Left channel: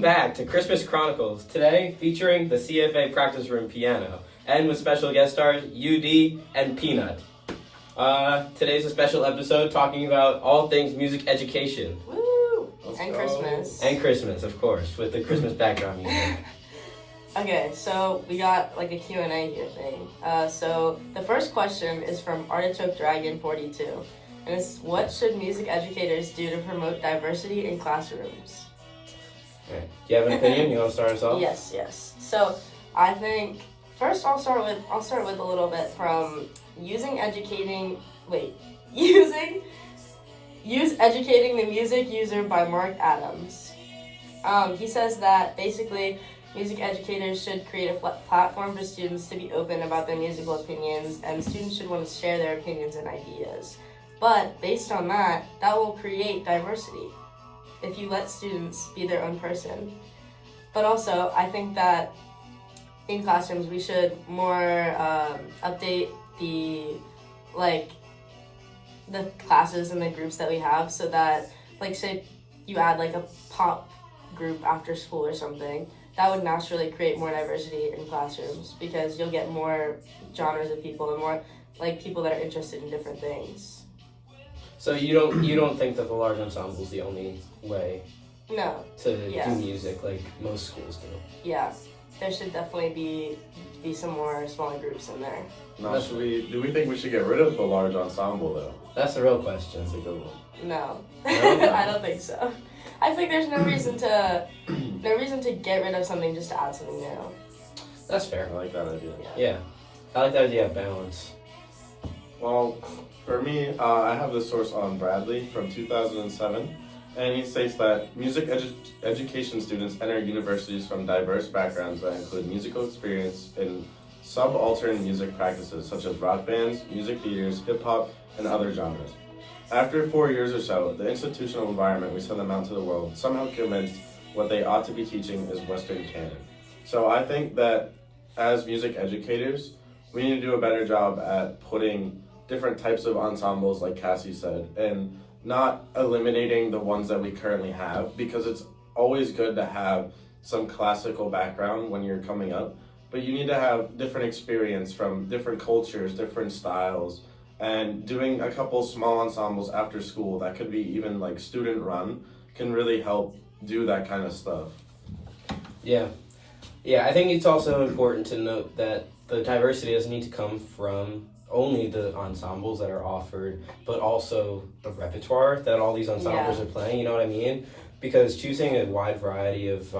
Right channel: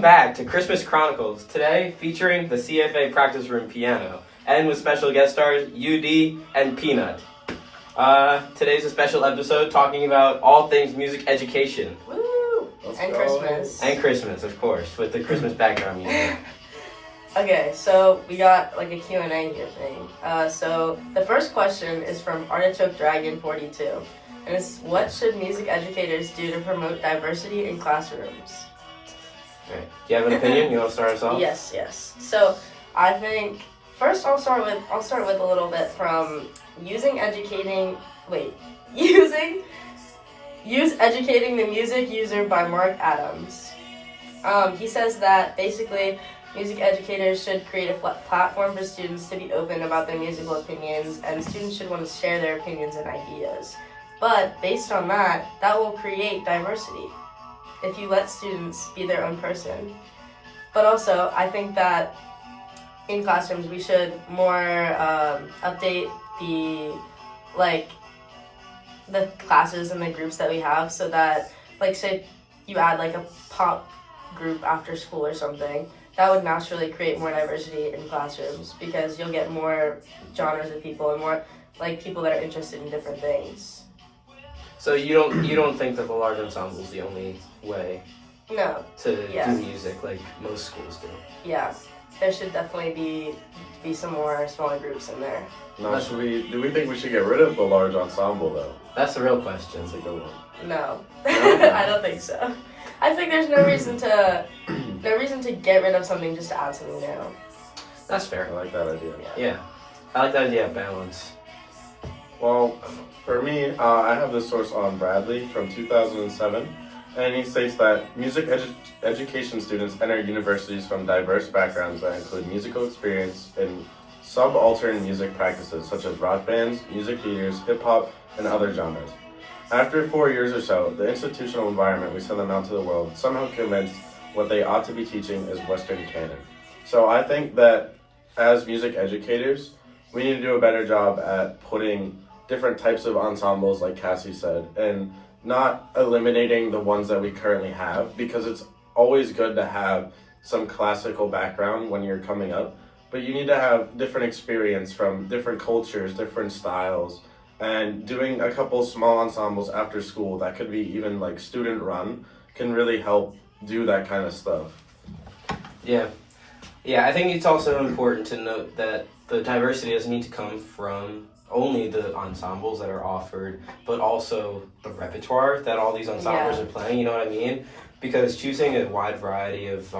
Welcome back to Christmas Chronicles, today featuring the CFA Practice Room Piano, and with special guest stars UD and Peanut. Today's a special episode talking about all things music education. Woo! And Christmas. And Christmas, of course, with the Christmas background music. Okay, so we got like a Q&A here thing. So the first question is from Artichoke Dragon 42. And it's, what should music educators do to promote diversity in classrooms? Right. Do you have an opinion? You want to start us off? Yes. So I think first I'll start with a little bit from use educating the music user by Mark Adams. He says that basically music educators should create a platform for students to be open about their musical opinions, and students should want to share their opinions and ideas. But based on that will create diversity if you let students be their own person. But also, I think that in classrooms we should more update the classes and the groups that we have, so that, like, say you add like a pop group after school or something, that would naturally create more diversity in classrooms, because you'll get more genres of people and more like people that are interested in different things. So you don't think that the large ensemble is the only way No. to do music like most schools do? Yeah. There should definitely be some more smaller groups in there. No, do we think we should get rid of the large ensemble though? That's the real question. That's a good one. No. No? I don't think so. I think there's no reason to get rid of something just to add something new. That's fair. I like that idea. Yeah. I like that idea of balance. Well, for me, I have this source on Bradley from 2007, and he states that music education students enter universities from diverse backgrounds that include musical experience in subaltern music practices such as rock bands, music theaters, hip-hop, and other genres. After 4 years or so, the institutional environment we send them out to the world somehow convinced what they ought to be teaching is Western canon. So I think that as music educators, we need to do a better job at putting different types of ensembles, like Cassie said, and not eliminating the ones that we currently have, because it's always good to have some classical background when you're coming up, but you need to have different experience from different cultures, different styles, and doing a couple small ensembles after school that could be even like student run can really help do that kind of stuff. Yeah, I think it's also important to note that the diversity doesn't need to come from only the ensembles that are offered, but also the repertoire that all these ensembles are playing, you know what I mean? Because choosing a wide variety of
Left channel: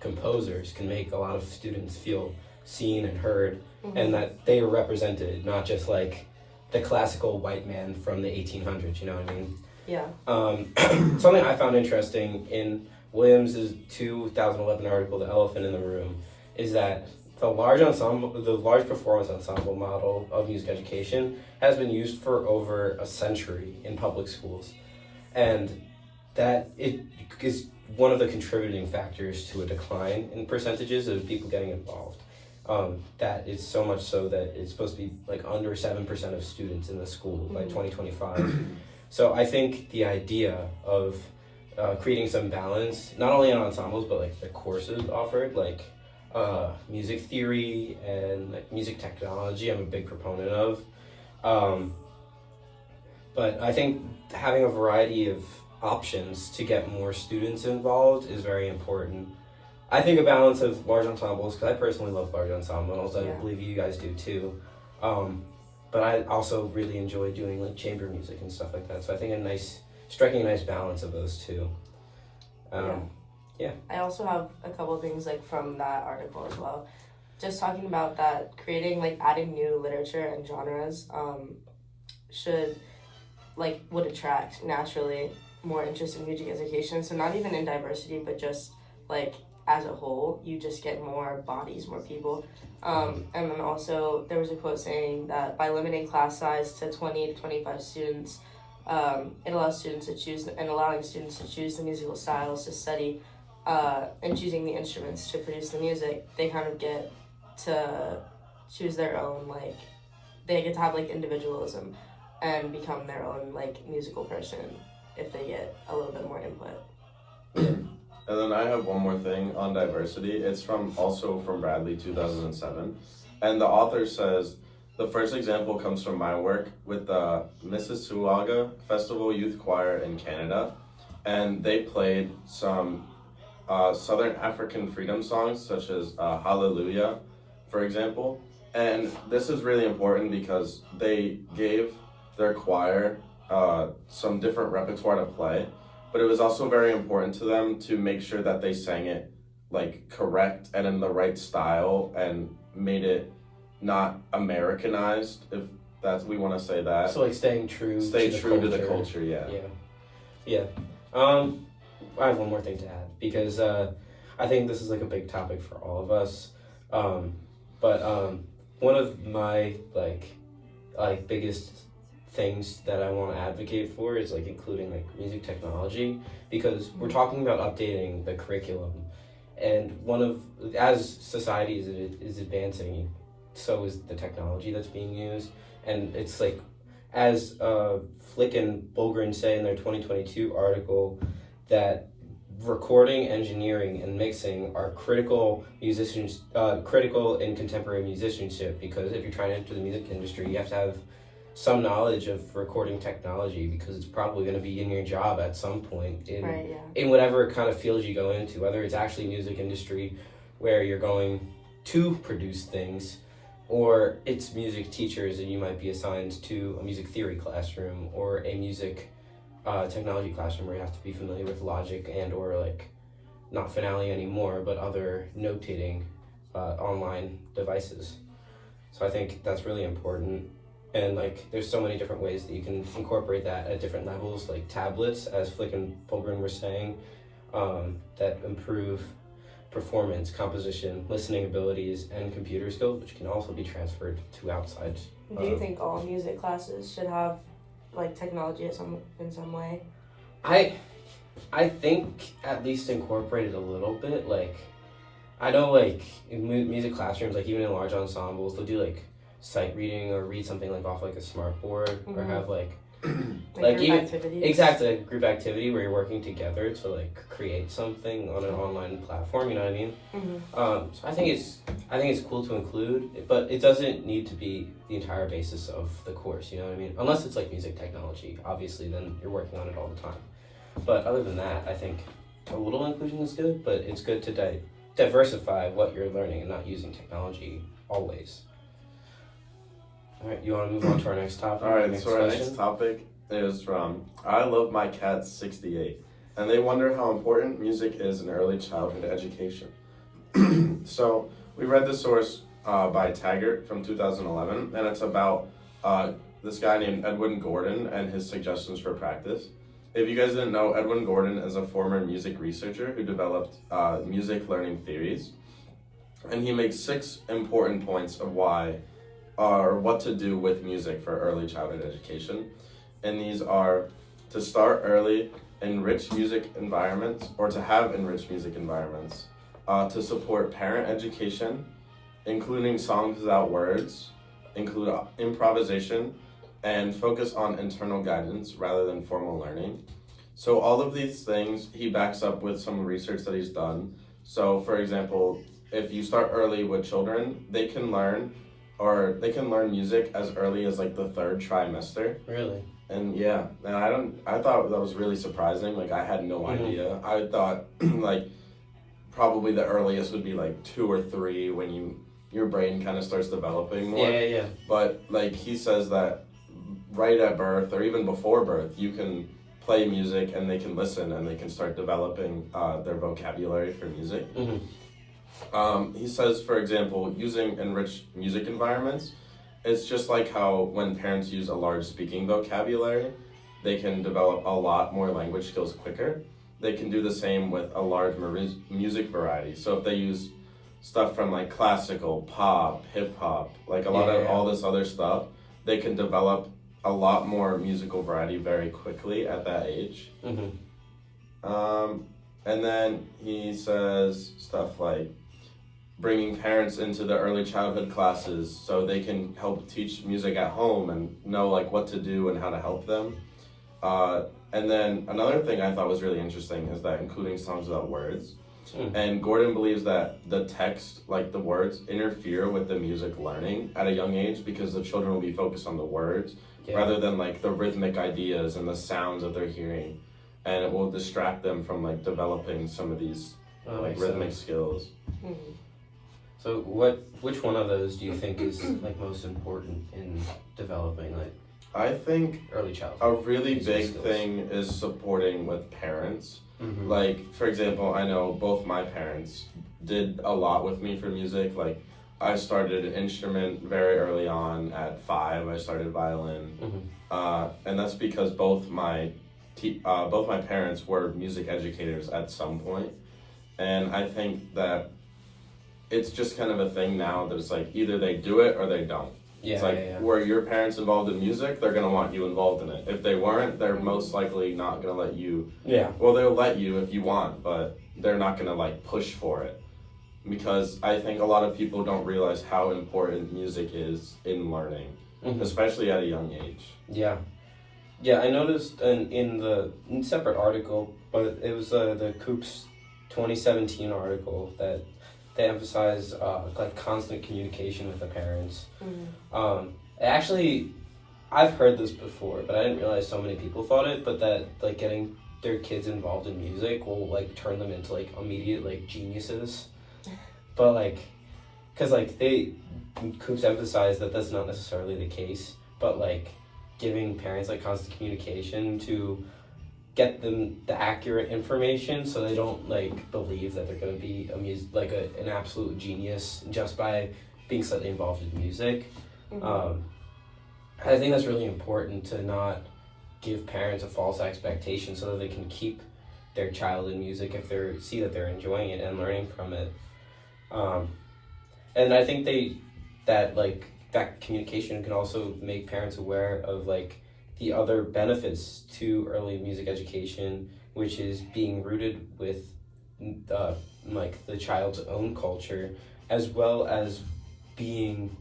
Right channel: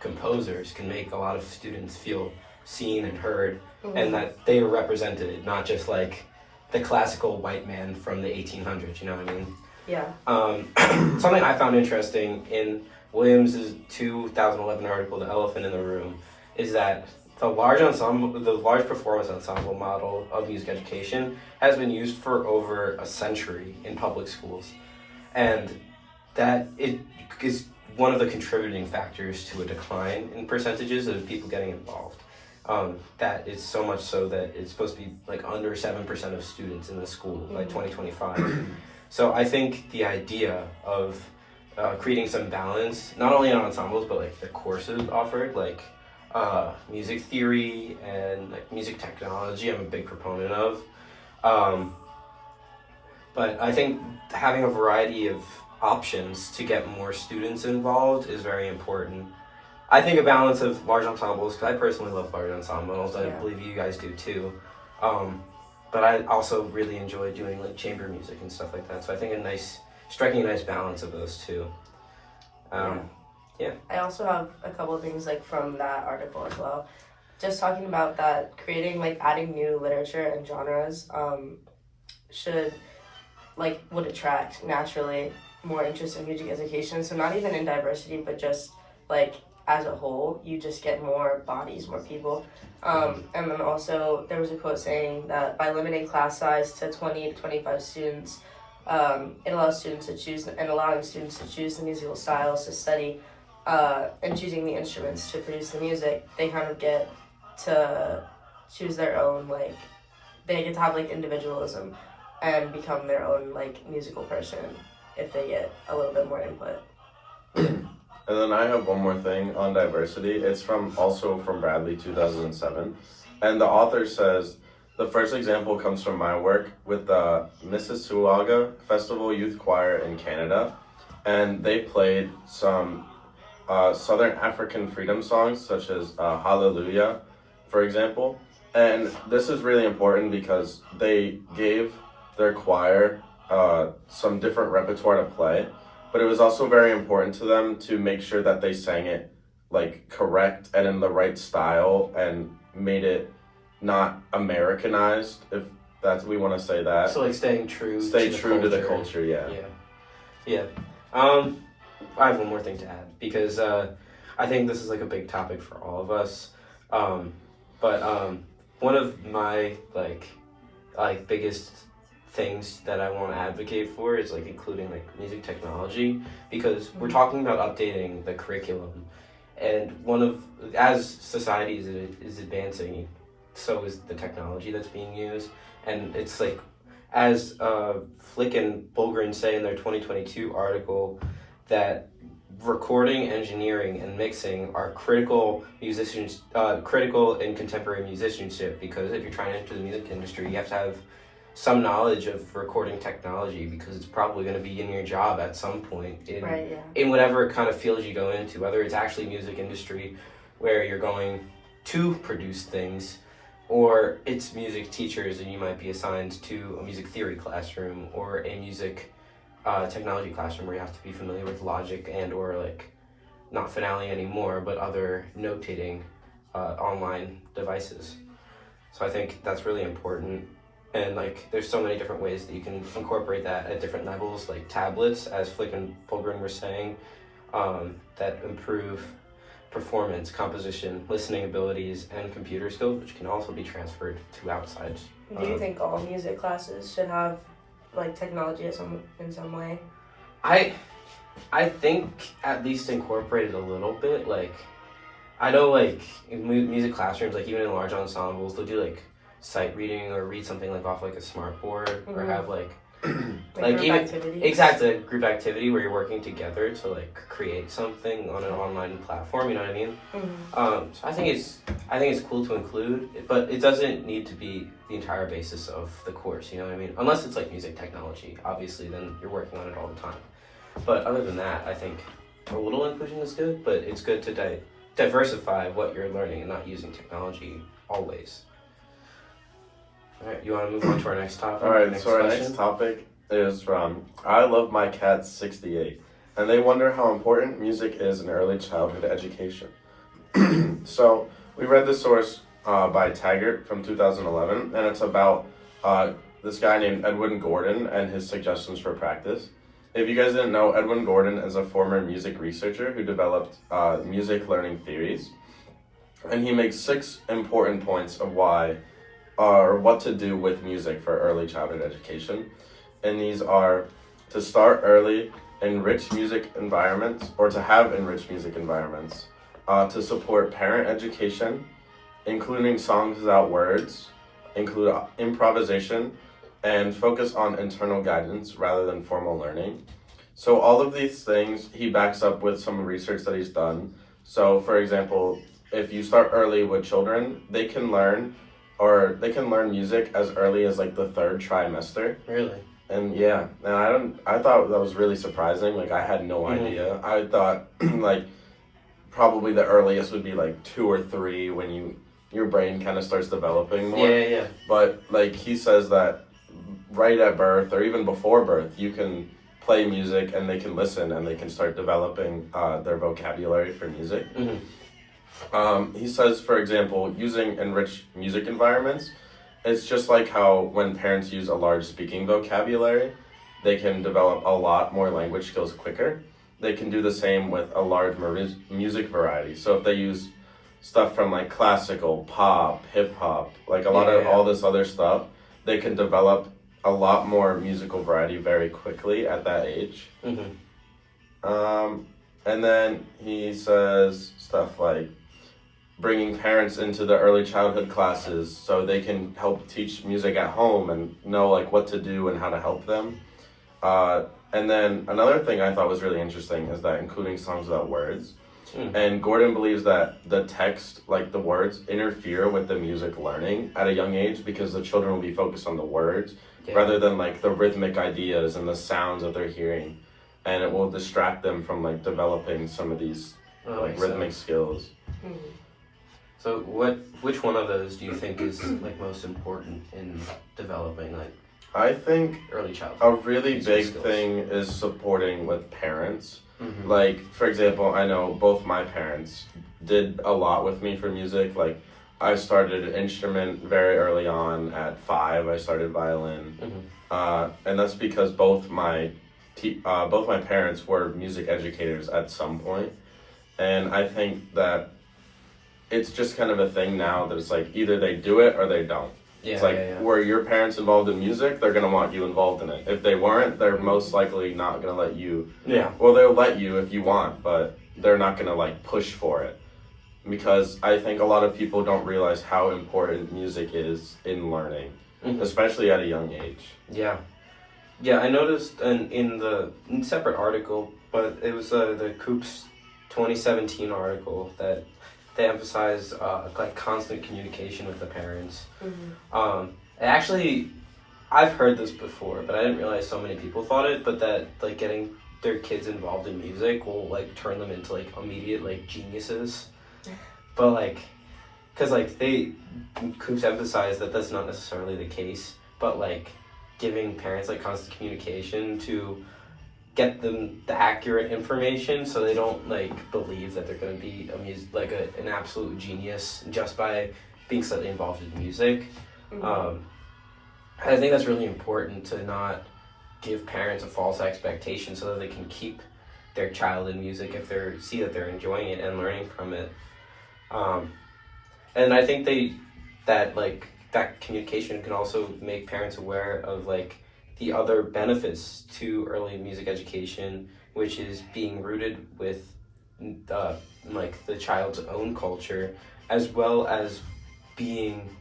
composers can make a lot of students feel seen and heard, and that they are represented, not just like the classical white man from the 1800s, you know what I mean? Yeah. Something I found interesting in Williams' 2011 article, The Elephant in the Room, is that the large performance ensemble model of music education has been used for over a century in public schools, and that it is one of the contributing factors to a decline in percentages of people getting involved. That is so much so that it's supposed to be like under 7% of students in the school by 2025. So I think the idea of creating some balance, not only in ensembles, but like the courses offered, like music theory and like music technology, I'm a big proponent of. But I think having a variety of options to get more students involved is very important. I think a balance of large ensembles, because I personally love large ensembles, I believe you guys do too. But I also really enjoy doing like chamber music and stuff like that. So I think striking a nice balance of those two. Yeah. I also have a couple of things like from that article as well. Just talking about that, creating like adding new literature and genres would attract naturally more interest in music education. So not even in diversity, but just like as a whole, you just get more bodies, more people. And then also there was a quote saying that by limiting class size to 20 to 25 students, it allows students to choose the musical styles to study, and choosing the instruments to produce the music. They kind of get to choose their own, they get to have individualism and become their own musical person if they get a little bit more input. And then I have one more thing on diversity. It's also from Bradley, 2007. And the author says, the first example comes from my work with the Mississauga Festival Youth Choir in Canada. And they played some Southern African freedom songs, such as Hallelujah, for example. And this is really important because they gave their choir some different repertoire to play, but it was also very important to them to make sure that they sang it like correct and in the right style and made it not Americanized, if that's we want to say that. So like stay true to the culture, yeah. Yeah. I have one more thing to add because I think this is like a big topic for all of us. But one of my like biggest things that I want to advocate for is like including like music technology, because we're talking about updating the curriculum, and as society is advancing, so is the technology that's being used, and it's like as Flick and Bulgren say in their 2022 article that recording, engineering, and mixing are critical in contemporary musicianship, because if you're trying to enter the music industry, you have to have some knowledge of recording technology, because it's probably going to be in your job at some point in whatever kind of field you go into, whether it's actually music industry where you're going to produce things, or it's music teachers and you might be assigned to a music theory classroom or a music technology classroom where you have to be familiar with Logic and or like not Finale anymore, but other notating online devices. So I think that's really important. And like there's so many different ways that you can incorporate that at different levels, like tablets, as Flick and Fulgren were saying, that improve performance, composition, listening abilities, and computer skills, which can also be transferred to outside. Do you think all music classes should have like technology in some way? I think at least incorporated a little bit. Like I know like in music classrooms, like even in large ensembles, they'll do like sight reading or read something like off like a smart board, or have like like even activities. Exactly, a group activity where you're working together to like create something on an online platform, you know what I mean? So I think it's cool to include, but it doesn't need to be the entire basis of the course, you know what I mean? Unless it's like music technology, obviously then you're working on it all the time. But other than that, I think a little inclusion is good, but it's good to diversify what you're learning and not using technology always. All right, you want to move on to our next topic? All right, so our next topic is from I Love My Cats 68, and they wonder how important music is in early childhood education. So we read the source by Taggart from 2011, and it's about this guy named Edwin Gordon and his suggestions for practice. If you guys didn't know, Edwin Gordon is a former music researcher who developed music learning theories, and he makes 6 important points of why or what to do with music for early childhood education. And these are to start early, enrich music environments, or to have enriched music environments, to support parent education, including songs without words, include improvisation, and focus on internal guidance rather than formal learning. So all of these things he backs up with some research that he's done. So for example, if you start early with children, they can learn music as early as like the 3rd trimester. Really? And yeah, and I thought that was really surprising. Like I had no idea. I thought like probably the earliest would be like 2 or 3 when your brain kind of starts developing more. Yeah. But like he says that right at birth or even before birth, you can play music and they can listen and they can start developing their vocabulary for music. He says, for example, using enriched music environments, it's just like how when parents use a large speaking vocabulary, they can develop a lot more language skills quicker. They can do the same with a large music variety. So if they use stuff from like classical, pop, hip hop, like a lot of all this other stuff, they can develop a lot more musical variety very quickly at that age. And then he says stuff like bringing parents into the early childhood classes so they can help teach music at home and know like what to do and how to help them. And then another thing I thought was really interesting is that including songs without words. Mm. And Gordon believes that the text, like the words, interfere with the music learning at a young age because the children will be focused on the words Yeah. rather than like the rhythmic ideas and the sounds that they're hearing. And it will distract them from like developing some of these Oh, like makes rhythmic sense. skills. Mhm. So which one of those do you think is like most important in developing like I think early childhood? a really Musical big skills. thing is supporting with parents. Mhm. Like, for example, I know both my parents did a lot with me for music. Like, I started an instrument very early on at 5. I started violin, and that's because both my parents were music educators at some point. And I think that it's just kind of a thing now that it's like either they do it or they don't. Yeah, It's like, yeah. were your parents involved in music? They're gonna want you involved in it. If they weren't, they're most likely not gonna let you. Yeah. Well, they'll let you if you want, but they're not gonna like push for it. Because I think a lot of people don't realize how important music is in learning, Mhm. especially at a young age. Yeah. Yeah, I noticed in the separate article, but it was the Coops 2017 article that they emphasized like constant communication with the parents. Mhm. Actually, I've heard this before, but I didn't realize so many people thought it. But that like getting their kids involved in music will like turn them into like immediate like geniuses. But like, cause like Coops emphasized that that's not necessarily the case. But like, giving parents like constant communication to get them the accurate information so they don't like believe that they're going to be an absolute genius just by being slightly involved in music. Mhm. I think that's really important to not give parents a false expectation so that they can keep their child in music if they see that they're enjoying it and learning from it. And I think that communication can also make parents aware of like the other benefits to early music education, which is being rooted with like the child's own culture, as well as being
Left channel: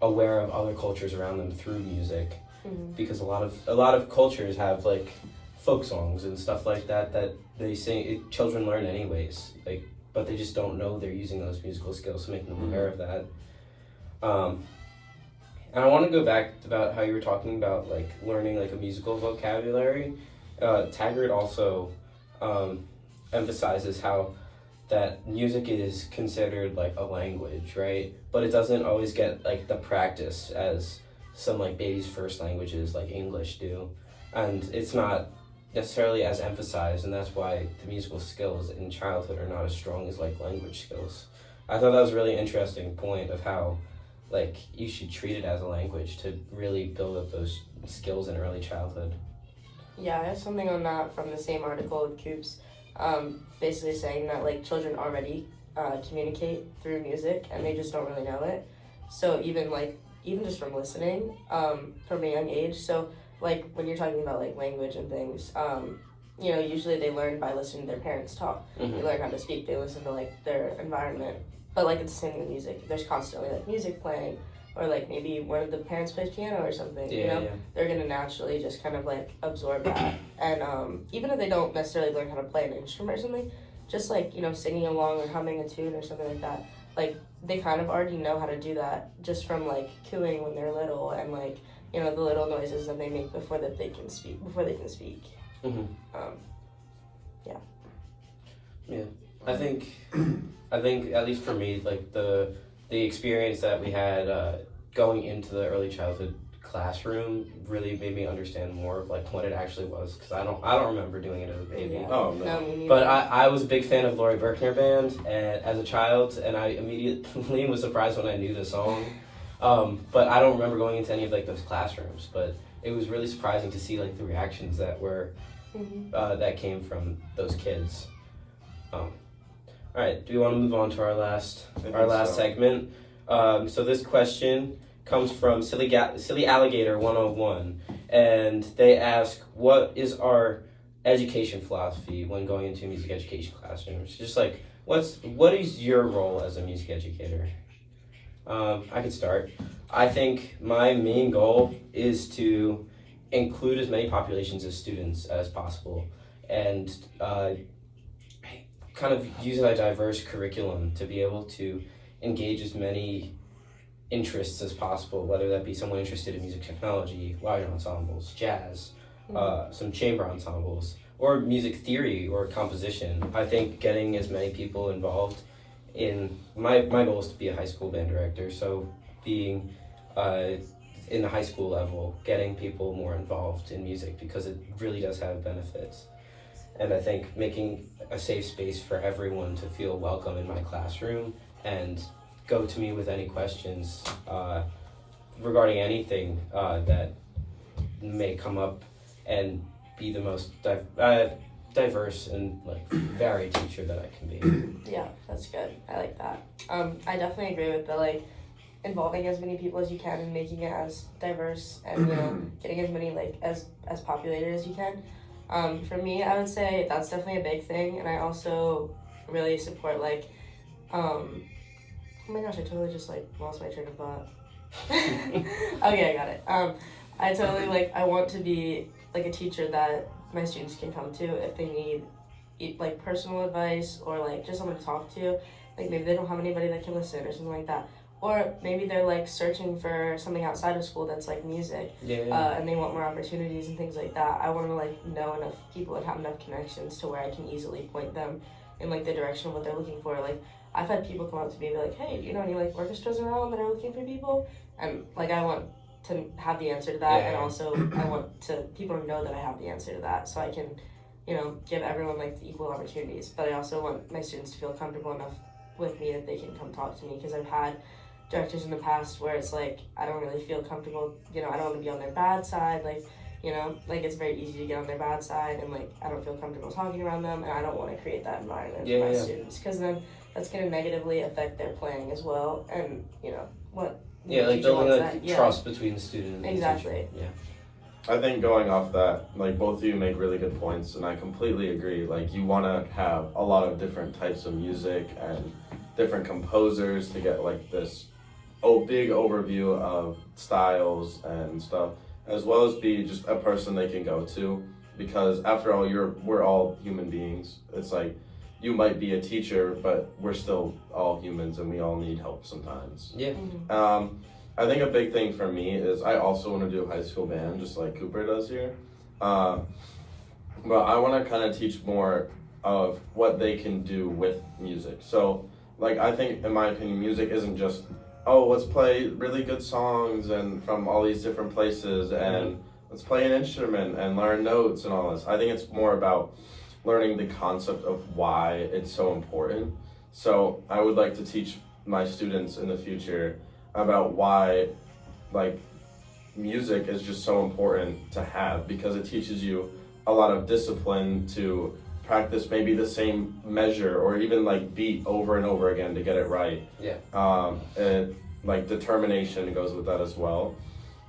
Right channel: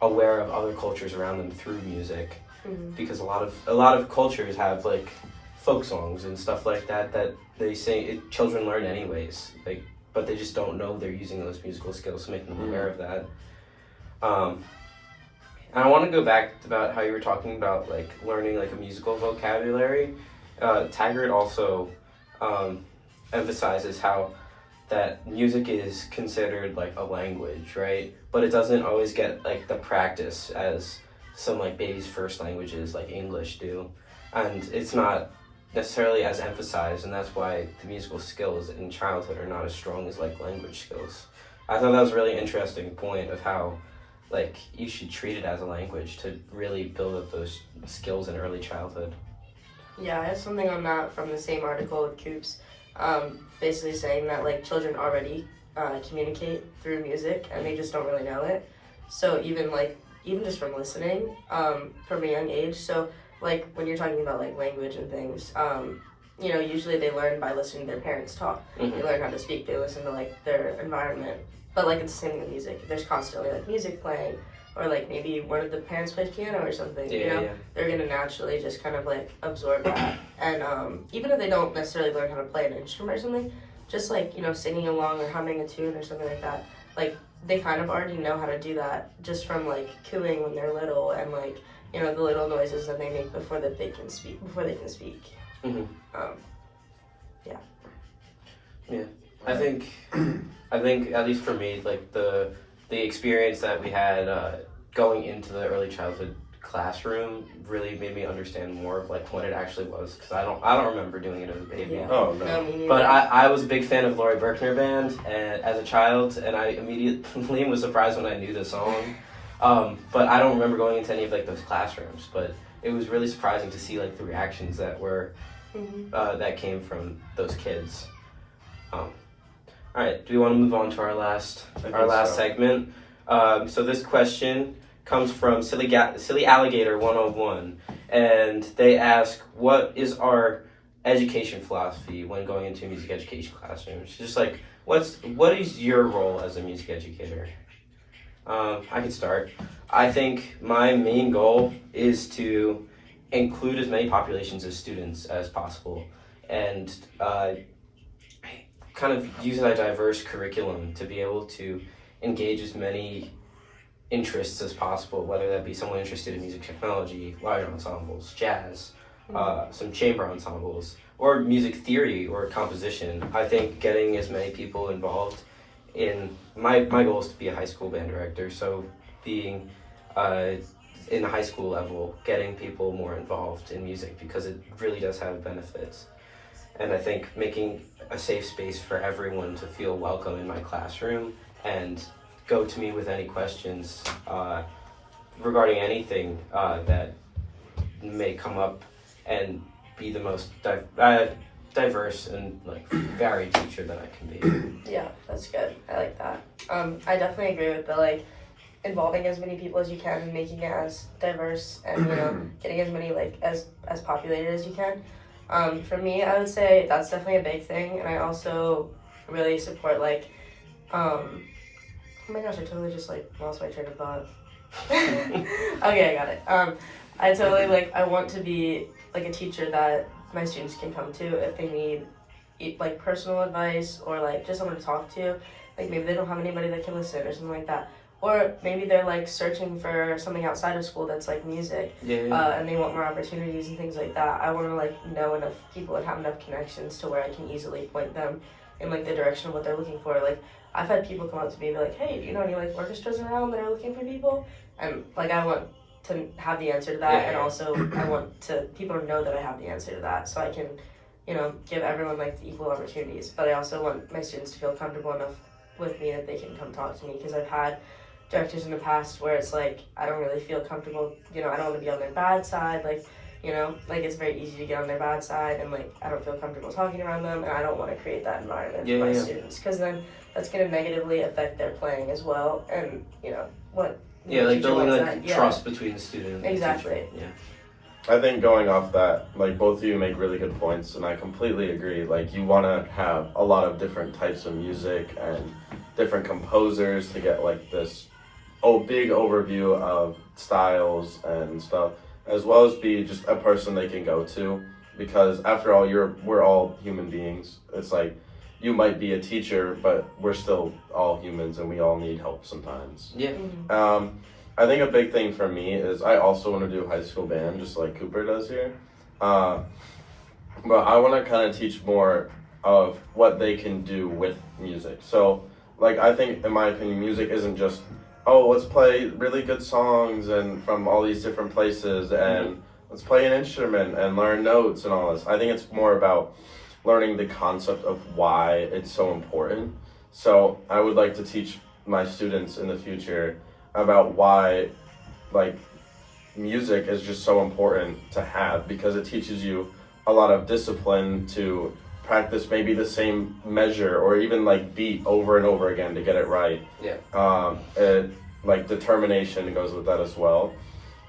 aware of other cultures around them through music. Mhm. Because a lot of cultures have like folk songs and stuff like that they say children learn anyways, like, but they just don't know they're using those musical skills to make them aware of that. And I want to go back about how you were talking about like learning like a musical vocabulary. Taggart also emphasizes how that music is considered like a language, right? But it doesn't always get like the practice as some like baby's first languages like English do, and it's not necessarily as emphasized, and that's why the musical skills in childhood are not as strong as like language skills. I thought that was a really interesting point of how like you should treat it as a language to really build up those skills in early childhood. Yeah, I have something on that from the same article with Coops, basically saying that like children already communicate through music and they just don't really know it. So even just from listening from a young age. So like when you're talking about like language and things, usually they learn by listening to their parents talk. They learn how to speak. They listen to like their environment. But like it's the same thing with music. There's constantly like music playing, or like maybe one of the parents plays piano or something. They're gonna naturally just kind of like absorb that. And even if they don't necessarily learn how to play an instrument or something, just like singing along or humming a tune or something like that, like they kind of already know how to do that just from like cooing when they're little and like the little noises that they make before they can speak. Mm-hmm. Yeah. I think at least for me, like the experience that we had going into the early childhood classroom really made me understand more of like what it actually was, because I don't remember doing it as a baby. Yeah. Oh no. No, me neither. But I was a big fan of Laurie Berkner Band and as a child, and I immediately was surprised when I knew the song. But I don't remember going into any of like those classrooms. But it was really surprising to see like the reactions that were that came from those kids. All right, do we want to move on to our last segment? So this question comes from Silly Alligator 101, and they ask, what is our education philosophy when going into music education classrooms? Just like, what is your role as a music educator? I could start. I think my main goal is to include as many populations as students as possible, and kind of use a diverse curriculum to be able to engage as many interests as possible, whether that be someone interested in music technology, larger ensembles, jazz, some chamber ensembles, or music theory or composition. I think getting as many people involved in my goal is to be a high school band director, so being in the high school level, getting people more involved in music because it really does have benefits. And I think making a safe space for everyone to feel welcome in my classroom and go to me with any questions regarding anything that may come up, and be the most diverse and like varied teacher that I can be. Yeah, that's good. I like that. I definitely agree with the like involving as many people as you can and making it as diverse and getting as many like as populated as you can. For me, I would say that's definitely a big thing, and I also really support like oh my gosh, I totally just like lost my train of thought. Okay, I got it. I totally I want to be like a teacher that my students can come to if they need like personal advice or like just someone to talk to. Like maybe they don't have anybody that can listen or something like that. Or maybe they're like searching for something outside of school that's like music, and they want more opportunities and things like that. I want to like know enough people and have enough connections to where I can easily point them in like the direction of what they're looking for. Like I've had people come up to me and be like, "Hey, do you know any like orchestras around that are looking for people?" And like I want to have the answer to that, and also I want people to know that I have the answer to that, so I can, give everyone like the equal opportunities. But I also want my students to feel comfortable enough with me that they can come talk to me, because I've had directors in the past where it's like I don't really feel comfortable. I don't want to be on their bad side. Like it's very easy to get on their bad side, and like I don't feel comfortable talking around them, and I don't want to create that environment for my students, because then that's going to negatively affect their playing as well. And what. Yeah, like building like trust between the student and exactly. the teacher. I think going off that, like both of you make really good points, and I completely agree. Like you want to have a lot of different types of music and different composers to get like this big overview of styles and stuff, as well as be just a person they can go to, because after all, we're all human beings. It's like you might be a teacher, but we're still all humans and we all need help sometimes. Yeah. Mm-hmm. I think a big thing for me is I also want to do high school band, just like Cooper does here. But I want to kind of teach more of what they can do with music. So, like, I think, in my opinion, music isn't just, let's play really good songs and from all these different places, and let's play an instrument and learn notes and all this. I think it's more about learning the concept of why it's so important. So I would like to teach my students in the future about why like music is just so important to have, because it teaches you a lot of discipline to practice maybe the same measure or even like beat over and over again to get it right. And like determination goes with that as well.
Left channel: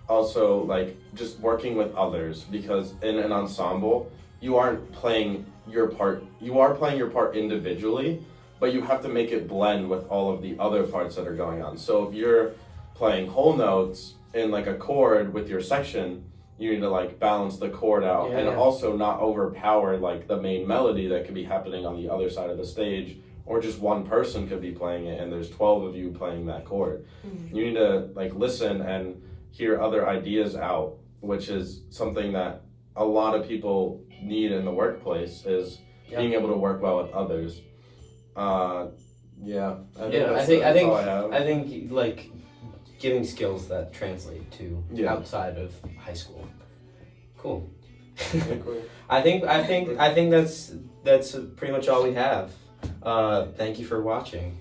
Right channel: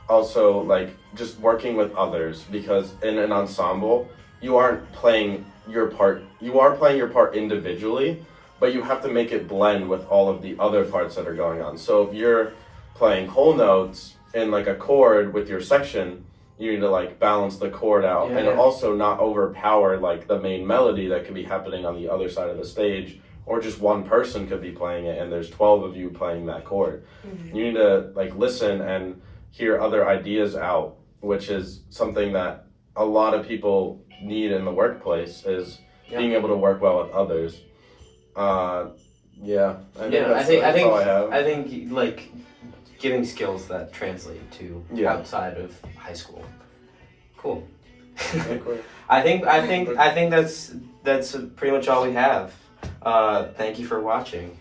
Also, like just working with others, because in an ensemble you aren't playing your part. You are playing your part individually, but you have to make it blend with all of the other parts that are going on. So if you're playing whole notes in like a chord with your section, you need to like balance the chord out and also not overpower like the main melody that could be happening on the other side of the stage, or just one person could be playing it and there's 12 of you playing that chord. You need to like listen and hear other ideas out, which is something that a lot of people need in the workplace, is being able to work well with others. I think like giving skills that translate to outside of high school. Cool. I think that's pretty much all we have. Thank you for watching.